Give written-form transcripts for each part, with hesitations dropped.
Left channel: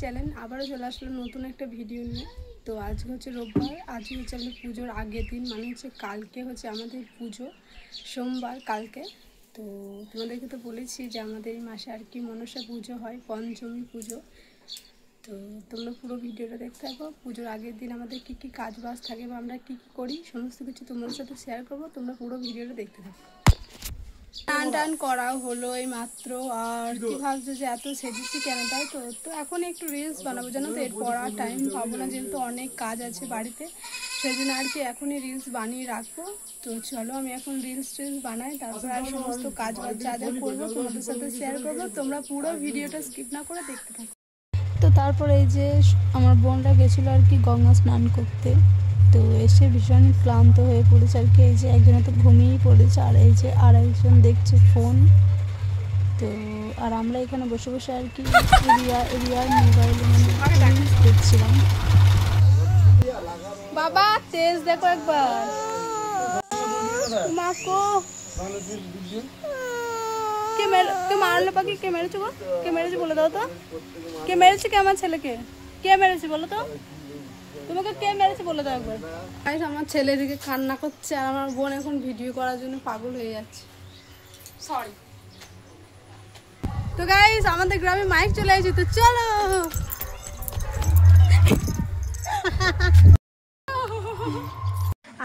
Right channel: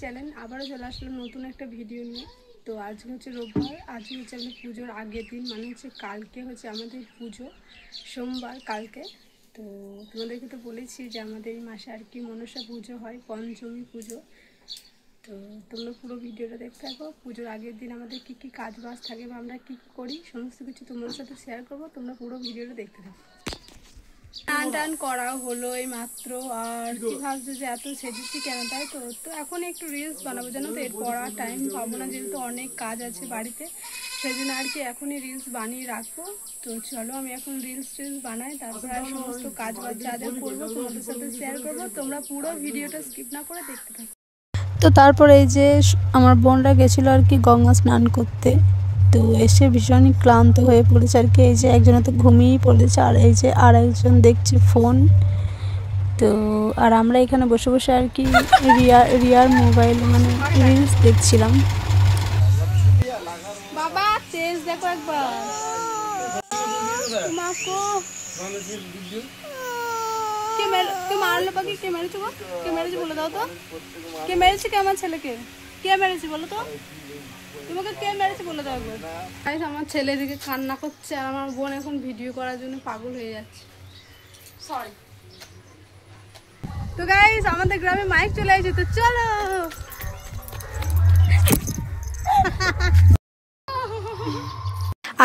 Channel আবারও চলে আসলাম নতুন একটা ভিডিও নিয়ে। তো আজকে হচ্ছে রোববার, আজকে হচ্ছে আমাদের পুজোর আগের দিন, মানে হচ্ছে কালকে হচ্ছে আমাদের পুজো, সোমবার কালকে। তো তোমাদেরকে তো বলেছি যে আমাদের এই মাসে আর কি মনসা পুজো হয়, পঞ্চমী পুজো। তো তোমরা পুরো ভিডিওটা দেখতে থাকো। পুজোর আগের দিন আমাদের কী কী কাজ বাজ থাকে বা আমরা কী কী করি সমস্ত কিছু তোমাদের সাথে শেয়ার করবো। তোমরা পুরো ভিডিওটা দেখতে থাকো। টান টান করা হলো এই মাত্র, আর কি ভাবছো যে এত সেজেছি কেন, তাই তো। তো এখন একটু রিলস বানাবো জানো তো, এরপর আর টাইম পাবো না, যেহেতু অনেক কাজ আছে বাড়িতে, সেই জন্য আর কি এখনই রিলস বানিয়ে রাখবো। তো চলো আমি এখন রিলস বানাই, তারপর আর সমস্ত কাজ বাজ যা যা করবো তোমাদের সাথে শেয়ার করবো। তোমরা পুরো ভিডিওটা স্কিপ না করে দেখতে থাকো। তো তারপর এই যে আমার বোনরা গেছিলো আর কি গঙ্গা স্নান করতে, তো এসে ভীষণ ক্লান্ত হয়ে পড়েছে আর কি। এই যে একজনে তো ঘুমিয়েই পড়েছে, আর এই যে আর একজন দেখছে ফোন। তো আর আমরা এখানে বসে বসে আর কি রিয়ার মোবাইল মানে রিলস দেখছিলাম। বাবা তেজ দেখো একবার, কে মারলে পাখি, কে মেরেছে গো, কে মেরেছে বলে দাও তো, কে মেরেছে, কে আমার ছেলেকে কে মেরেছে বলো তো, তোমাকে কে মেরেছে বলে দাও একবার। গাইস আমার ছেলে দিকে কান্না করছে, আর আমার বোন এখন ভিডিও করার জন্য পাগল হয়ে যাচ্ছে, সরি। তো গাইস আমাদের গ্রামে মাইক চলে আসছে, তো চলো।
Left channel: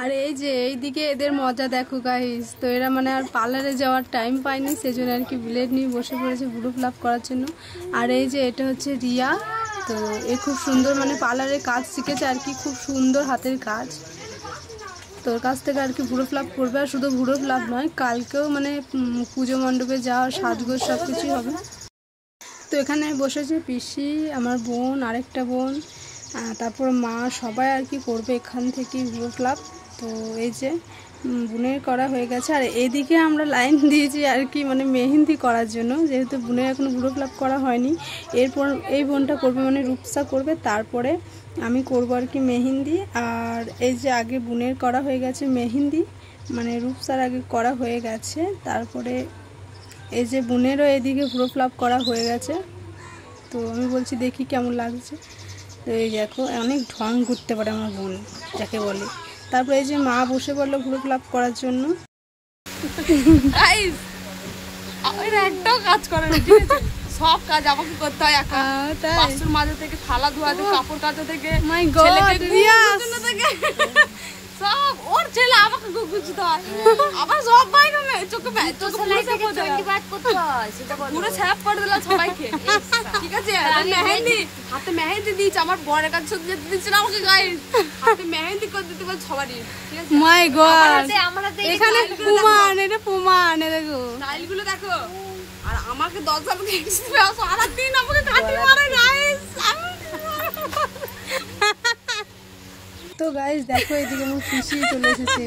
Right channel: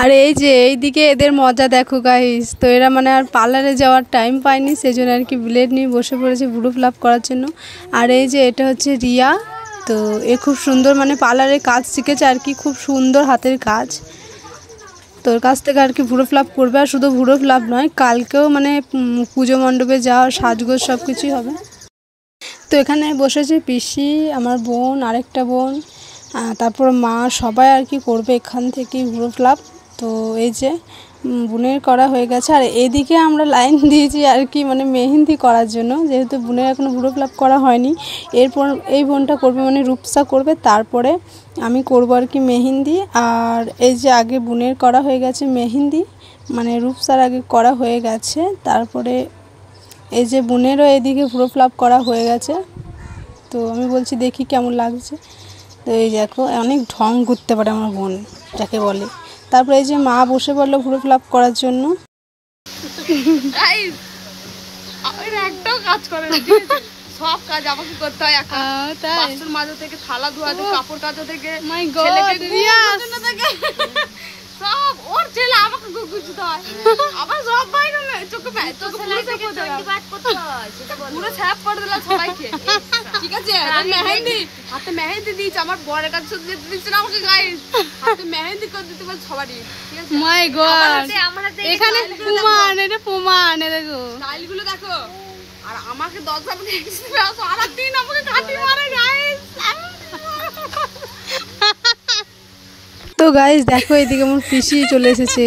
আর এই যে এইদিকে এদের মজা দেখো গাইস। তো এরা মানে আর পার্লারে যাওয়ার টাইম পায়নি, সেই জন্য আর কি ব্লেড নিয়ে বসে পড়েছে ব্লু ফ্লাপ করার জন্য। আর এই যে এটা হচ্ছে রিয়া, তো এ খুব সুন্দর মানে পার্লারে কাজ শিখেছে আর কি, খুব সুন্দর হাতের কাজ। তোর কাছ থেকে আর কি ভুরো ফ্লাপ করবে, আর শুধু ভুরো ফ্লাপ নয়, কালকেও মানে পুজো মণ্ডপে যাওয়া সাজগোজ সব কিছুই হবে। তো এখানে বসেছে পিসি, আমার বোন, আরেকটা বোন, তারপর মা, সবাই আর কি করবে এখান থেকে ভুরো ফ্লাপ। তো এই যে বোনের করা হয়ে গেছে, আর এদিকে আমরা লাইন দিয়েছি আর কি মানে মেহেন্দি করার জন্য, যেহেতু বোনের এখনও ভুরো ফ্লাপ করা হয়নি। এরপর এই বোনটা করবে মানে রূপসা করবে, তারপরে আমি করব আর কি মেহেন্দি। আর এই যে আগে বোনের করা হয়ে গেছে মেহেন্দি, মানে রূপসার আগে করা হয়ে গেছে, তারপরে এই যে বোনেরও এদিকে ভুরো ফ্লাপ করা হয়ে গেছে। তো আমি বলছি দেখি কেমন লাগছে। তো এই দেখো অনেক ঢং করতে পারে আমার বোন, যাকে বলে। তারপরে এই যে মা বসে পড়লো ভুরো ফ্লাপ করার জন্য। একটাও কাজ করে না, সব কাজ আমাকে করতে হয় একা। বাসন মাজা থেকে থালা ধোয়া থেকে কাপড় কাচা থেকে সব ওর ছেলে আমাকে গুছতে হয়, আবার সব বাইরে চোখে পুরো ছাপ করে দিলাম সবাইকে। ঠিক আছে মেহেন্দি হাতে মেহেন্দি দিয়েছে, আমার বরের কাছে যেতে দিচ্ছে না আমাকে, গাইস হাতে মেহেন্দি করে দিতে পারে সবারই। ঠিক আছে মাই গড, এখানে প্রমাণ, এটা প্রমাণ, দেখো স্টাইলগুলো দেখো। আর আমাকে 10 সাল সারা দিন আমাকে কাটি মারে গাইস। তো গাইস দেখো এদিকে আমার পিসি চলে এসেছে,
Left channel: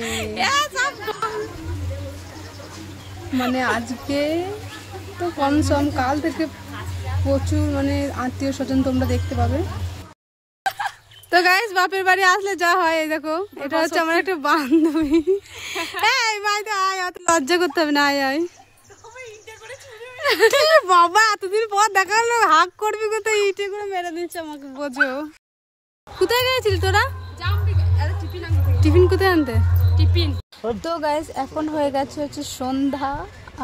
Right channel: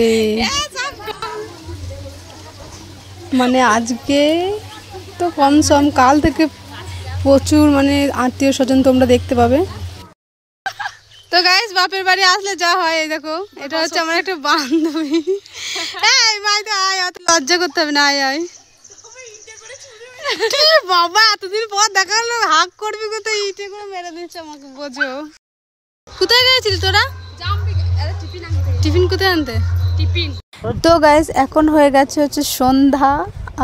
মানে আজকে তো কম সম, কাল থেকে প্রচুর মানে আত্মীয় স্বজন তোমরা দেখতে পাবে। তো গাইস বাপের বাড়ি আসলে যা হয়, এই দেখো এটা হচ্ছে আমার একটা বান্ধবী। এই মাইতে আয়, অত লজ্জা করতে হবে না, আয় আয়। বাবা এতদিন পর দেখা হলো, হাক করবি কোথায়, ইটে করে মেরে দিচ্ছে আমাকে, বোঝো। কোথায় গেছিলি তোরা? টিফিন কোথায় আনতে? টিফিন। তো গাইস এখন হয়ে গেছে হচ্ছে সন্ধ্যা,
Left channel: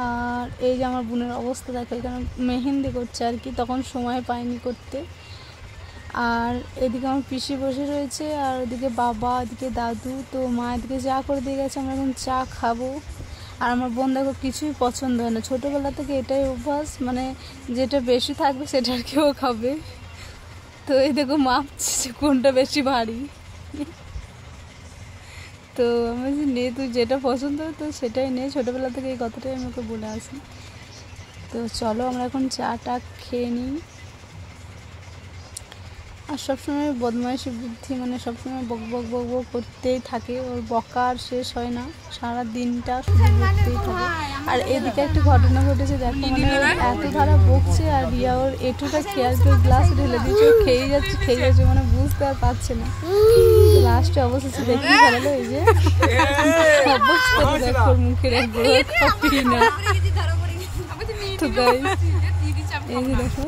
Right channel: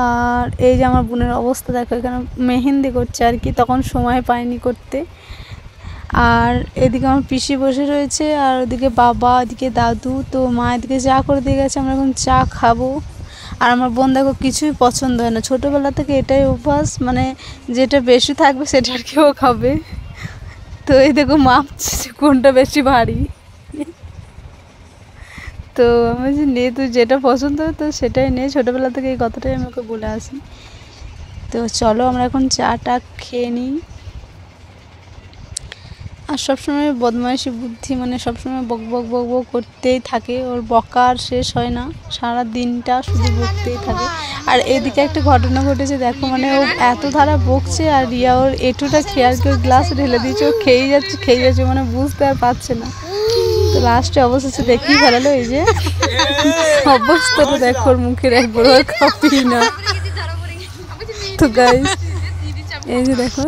আর এই যে আমার বোনের অবস্থা দেখো, এখানে মেহেন্দি করছে আর কি, তখন সময় পায়নি করতে। আর এদিকে আমার পিসি বসে রয়েছে, আর ওদিকে বাবা, এদিকে দাদু। তো মা এদিকে চা করে দিয়ে গেছে, আমরা এখন চা খাবো। আর আমার বোন দেখো কিছুই পছন্দ হয় না, ছোটোবেলা থেকে এটাই অভ্যাস, মানে যেটা বেশি থাকবে সেটা আর কেউ খাবে। তো এই দেখো মাপছে কোনটা বেশি ভারী। তো আমি যে নে তুই যেটা পছন্দ হয় তো সেটাই নে, ছোটোবেলা থেকে এই কথাটাই আমি ওকে বলে আসি। তো চলো আমরা এখন চাটা খেয়ে নিই। আর সবসময় বদমাইশি বুদ্ধি, মানে সবসময় বক বক বক বক করতেই থাকে, ওর বকা আর শেষ হয় না, সারা দিনটা শুধু বকতেই থাকে। আর এদিকে একটা ঘটনা ঘটেছে দেখো, মানে ও এত ধারা বকছে, আর রিয়া ওর এটুটা খেয়াল করে গ্লাসে ঢেলে দিয়েছে, ও খেয়ে যাচ্ছে মানে বুঝতে আর পারছে না। তো লাস্টে অবশেষে দেখিয়ে ফেলালো, এই যে অবস্থাটা দেখো ওর মুখের, একবার খাবি না। তো গাইস এই যে দেখো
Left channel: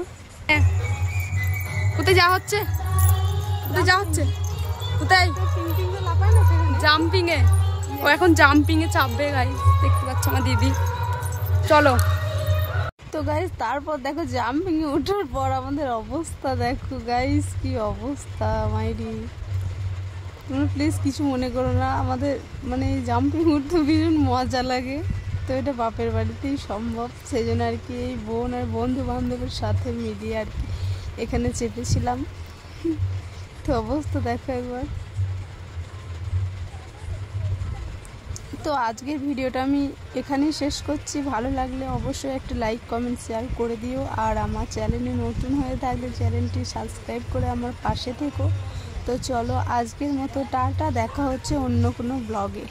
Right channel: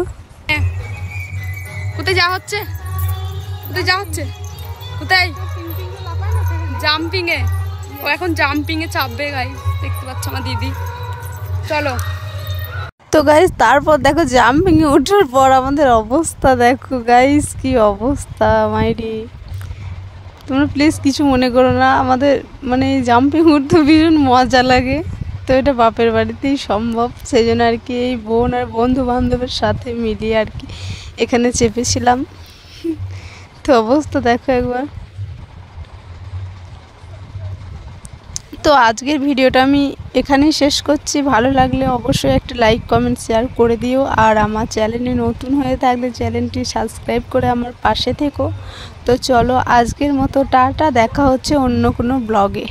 কোথায় যাওয়া হচ্ছে? কোথায় যাওয়া হচ্ছে? কোথায়? জাম্পিং এ। ও এখন জাম্পিং এ চাপবে গাইস, দেখতে পাচ্ছ আমার দিদি। চলো। তো গাইস তারপর দেখো জাম্পিং এ ওঠার পর আমাদের অবস্থা দেখো গাইস, কি অবস্থা মাইরি। তোমরা প্লিজ কিছু মনে করো না, আমাদের মানে জাম্পিং উঠতে ভীষণ মজা লাগে। তো এটা বাপের বাড়িতেই সম্ভব, সেই জন্য আর কি এই বোন আর বন্ধু বান্ধবের সাথে মিলিয়ে আর কি এখানে চেপেছিলাম। তো অবস্থা দেখো একবার। তো আজকের ভিডিওটা আমি এখানেই শেষ করছি। ভালো লাগলে অবশ্যই একটা লাইক কমেন্ট শেয়ার করে দিও, আর আমার চ্যানেলে নতুন হয়ে থাকলে চ্যানেলটি সাবস্ক্রাইব করে আমার পাশে থেকো। তো চলো আজকের মতো টাটা, দেখা হচ্ছে অন্য কোনো ব্লগে।